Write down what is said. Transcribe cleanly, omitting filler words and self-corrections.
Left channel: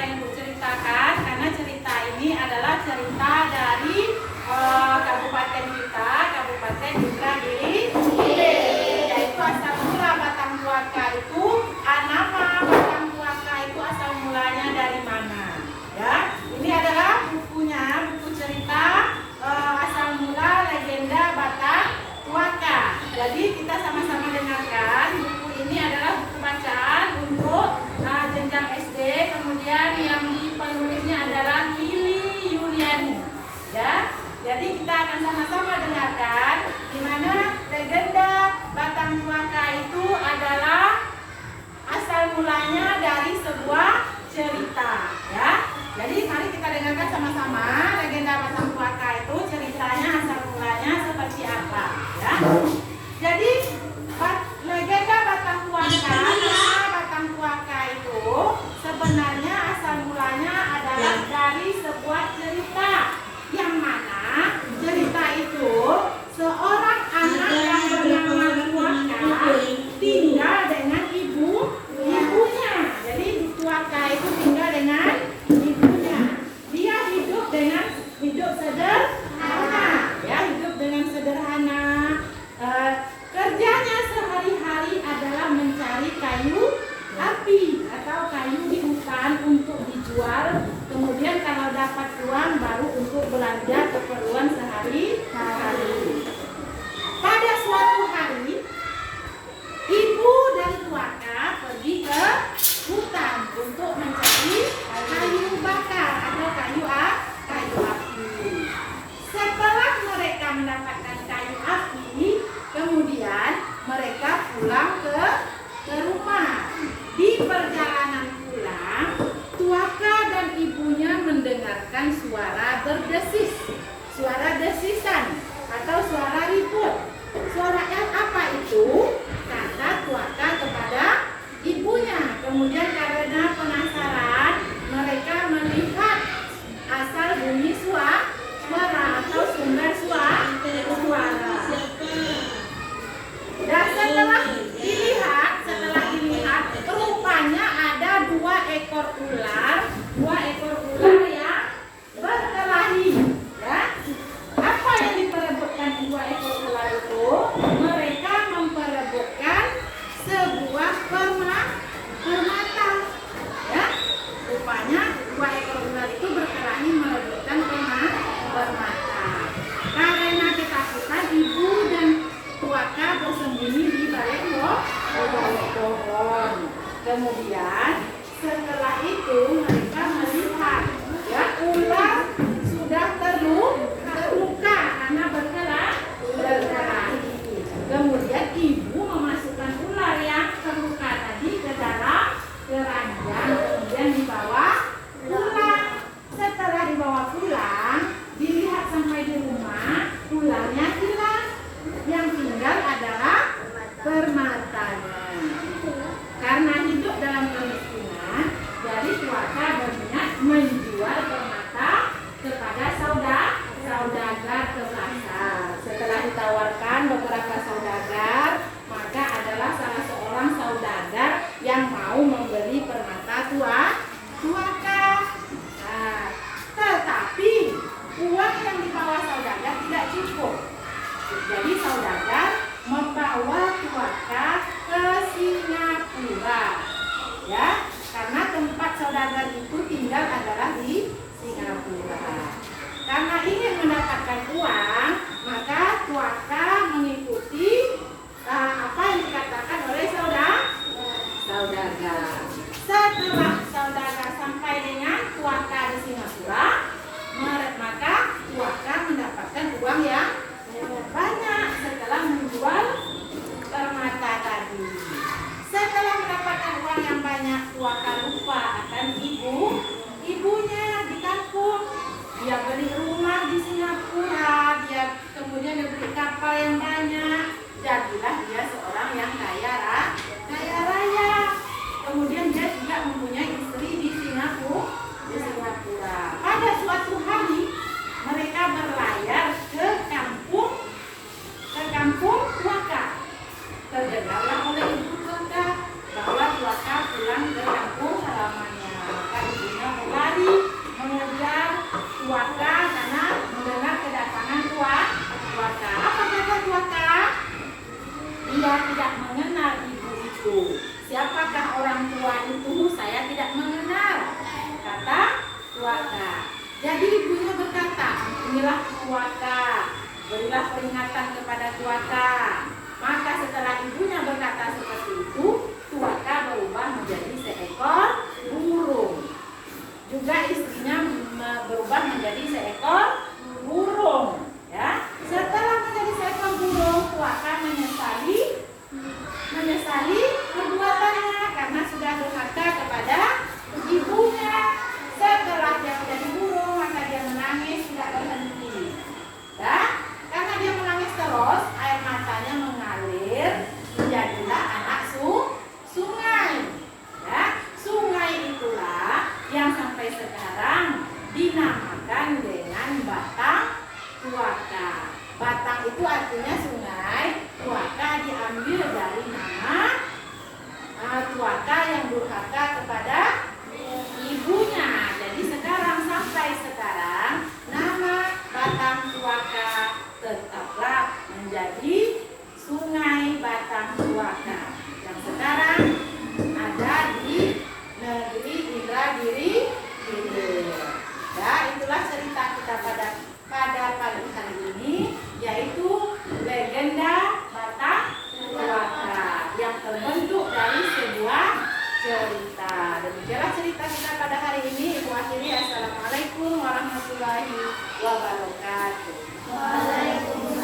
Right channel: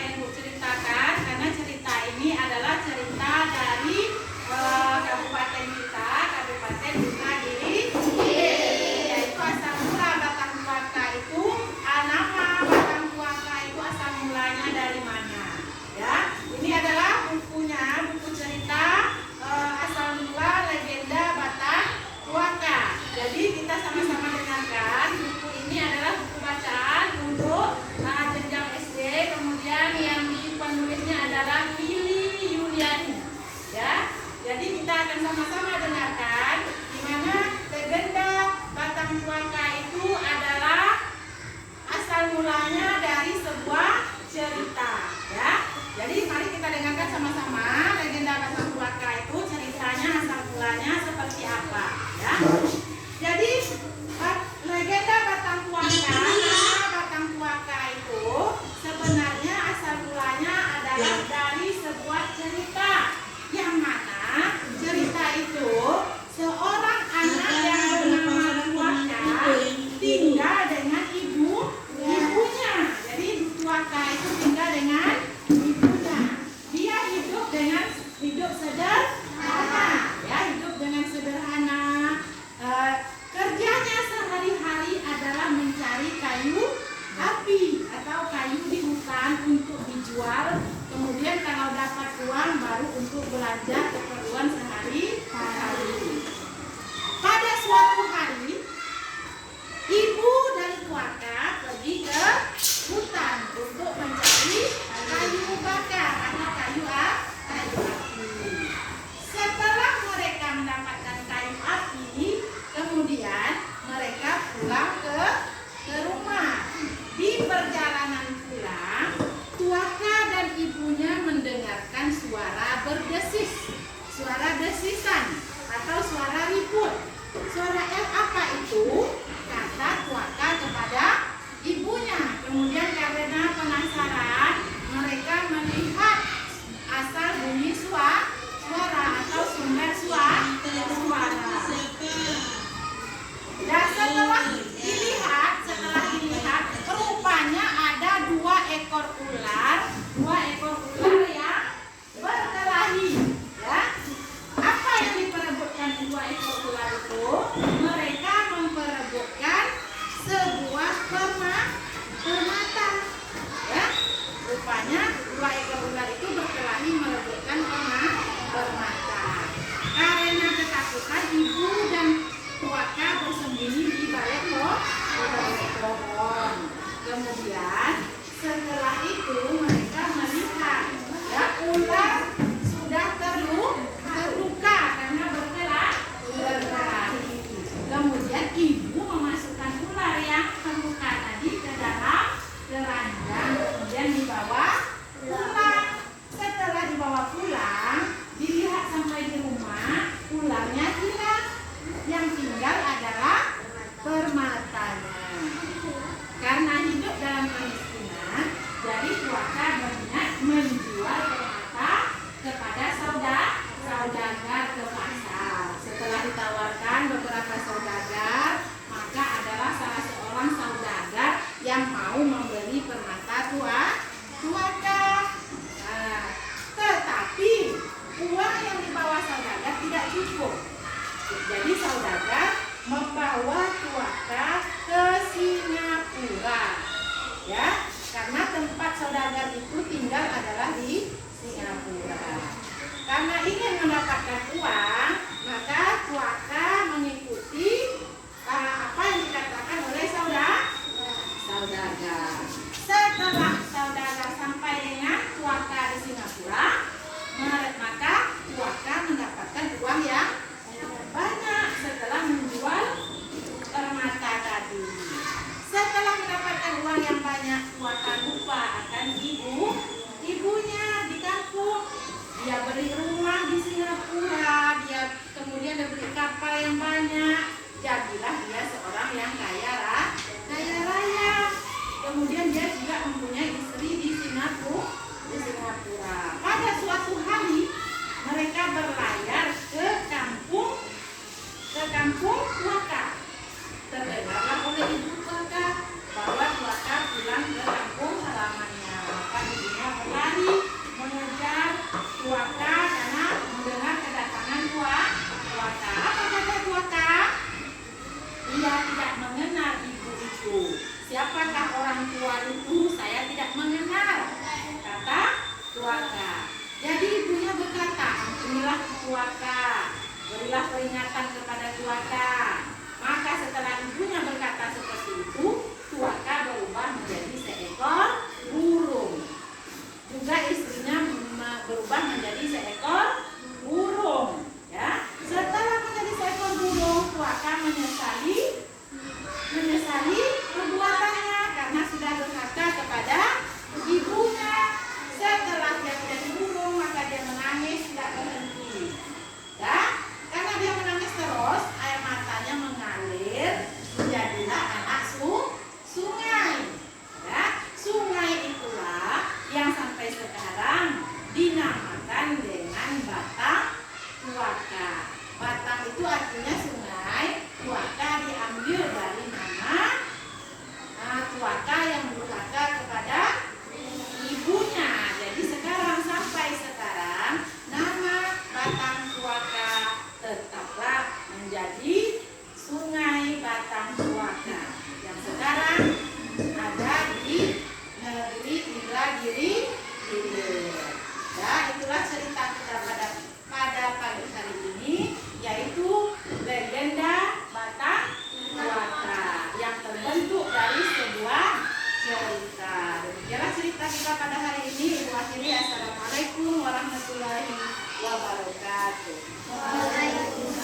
yang Ibu ceritakan, karena cerita ini adalah cerita dari kabupaten kita, Kabupaten Indragiri, yaitu asal mula Batang Tuaka itu, nama Batang Tuaka itu asal mulanya dari mana? Ya, ini adalah bukunya, buku cerita asal mula legenda Batang Tuaka. Jadi kita sama-sama dengarkan. Buku ini adalah buku bacaan untuk jenjang SD. Kemudian yang penulisnya adalah Willy Yuliani. Ya, jadi kita akan sama-sama dengarkan di mana legenda Batang Tuaka itu adalah asal mulanya dari sebuah cerita. Ya, jadi mari kita dengarkan sama-sama legenda Batang Tuaka itu ceritanya asal mulanya seperti apa. Ya, jadi legenda Batang Tuaka, nama Batang Tuaka itu sebenarnya asal mulanya adalah dari sebuah cerita, yang mana cerita itu seorang anak yang bernama Tuaka tinggal dengan ibunya. Jadi Tuaka itu tinggal dengan ibunya. Dia hidup sederhana, ya, hidup dengan sederhana. Kerjanya sehari-hari adalah mencari kayu api atau kayu di hutan untuk dijual. Kemudian kalau dapat uang baru untuk belanja keperluan sehari-hari. Pada suatu hari, ibu dari Tuaka pergi ke hutan untuk mencari kayu bakar atau kayu api. Setelah mereka mendapatkan kayu api, kemudian mereka pulang ke rumah. Di perjalanan pulang, Tuaka dan ibunya mendengarkan suara berdesis, suara desisan atau suara ribut. Suara yang apa itu? Kata Tuaka kepada ibunya. Kemudian karena penasaran, mereka melihat asal bunyi suara atau sumber suara. Dan setelah dilihat, rupanya ada dua ekor ular yang berkelahi. Ya, apa yang diperebutkan dua ekor ular itu? Mereka memperebutkan sebuah permata. Ya, rupanya dua ekor ular itu berkelahi merebutkan permata. Karena ketakutan, ibu dan Tuaka bersembunyi di balik pohon. Kemudian setelah itu mereka melihat, ya, ular sudah terluka karena berkelahi. Kemudian ibu memasukkan ular yang terluka tadi ke dalam keranjang, kemudian dibawa pulang. Setelah dibawa pulang, dilihat sampai di rumah, ularnya hilang. Yang tinggal adalah permatanya. Karena hidup dalam kemiskinan, jadi Tuaka berniat menjual permata kepada saudagar ke pasar. Setelah ditawarkan beberapa saudagar, maka adalah salah seorang saudagar yang mau membeli permata Tuaka. Nah, tetapi uang yang dibawa saudagar tidak cukup. Jadi saudagar membawa Tuaka ke Singapura, ya, karena tempat saudagar itu tinggal adalah di Singapura. Karena ingin mendapatkan uang, maka Tuaka mengikuti apa yang dikatakan oleh saudagar. Setelah saudagar sampai dengan Tuaka di Singapura, maka Tuaka mendapatkan uang yang banyak setelah menjual permata tadi. Setelah mendapatkan uang yang banyak, Tuaka lupa akan ibunya di kampung. Dia beli rumah di Singapura, dia kemudian beli kapal yang Sungai Batang Tuaka yang sekarang ada di negeri Indragiri Hilir. Ya, itulah cerita kita pada pagi hari ini, yaitu legenda Batang Tuaka yang terbentuk dari sebuah cerita. Demikianlah cerita kita pada hari ini. Ibu akhiri, assalamualaikum.